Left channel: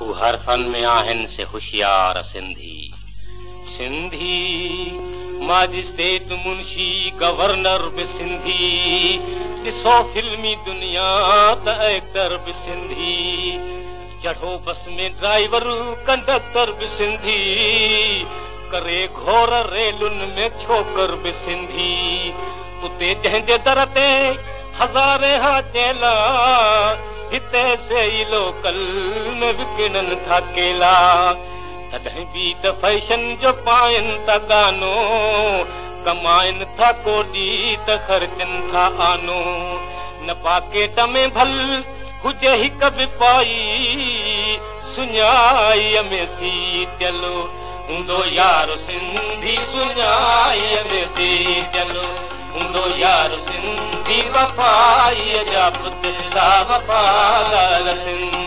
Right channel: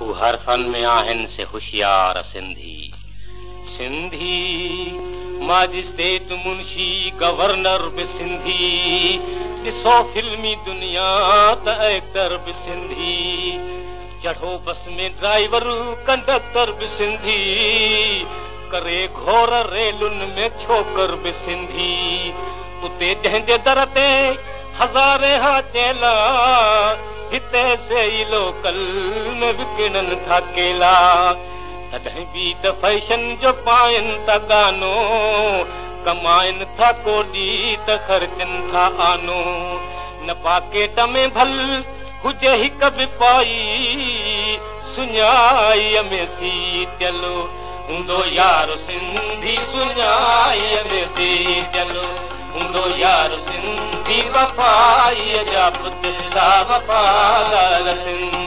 हू हर फन में आहिनि से होशियार सिंधी मैजिस्ट्रेट मुंशी गवर्नर भी सिंधी ॾिसो फिल्मी दुनिया त एक्टर भी सिंधी चढ़ो बस में ड्राइवर कंडक्टर भी सिंधी करे घोर रेलुनि में छोकर भी सिंधी उते जंहिंजे दर ते हज़ारे हा चेला हिते से ई लोकल में विकिणनि था केला तॾहिं बि त फैशन जो पाइनि था गानो कमाइनि था कोॾी त ख़र्चनि था आनो न पाकेट में भल हुजे हिक बि पाई सुञाईअ में सी चलो हूंदो यार सिंधी सुञाईअ में सी चलो हूंदो यार सिंधी वफ़ाईअ जा पुत वफ़ादार सिंधी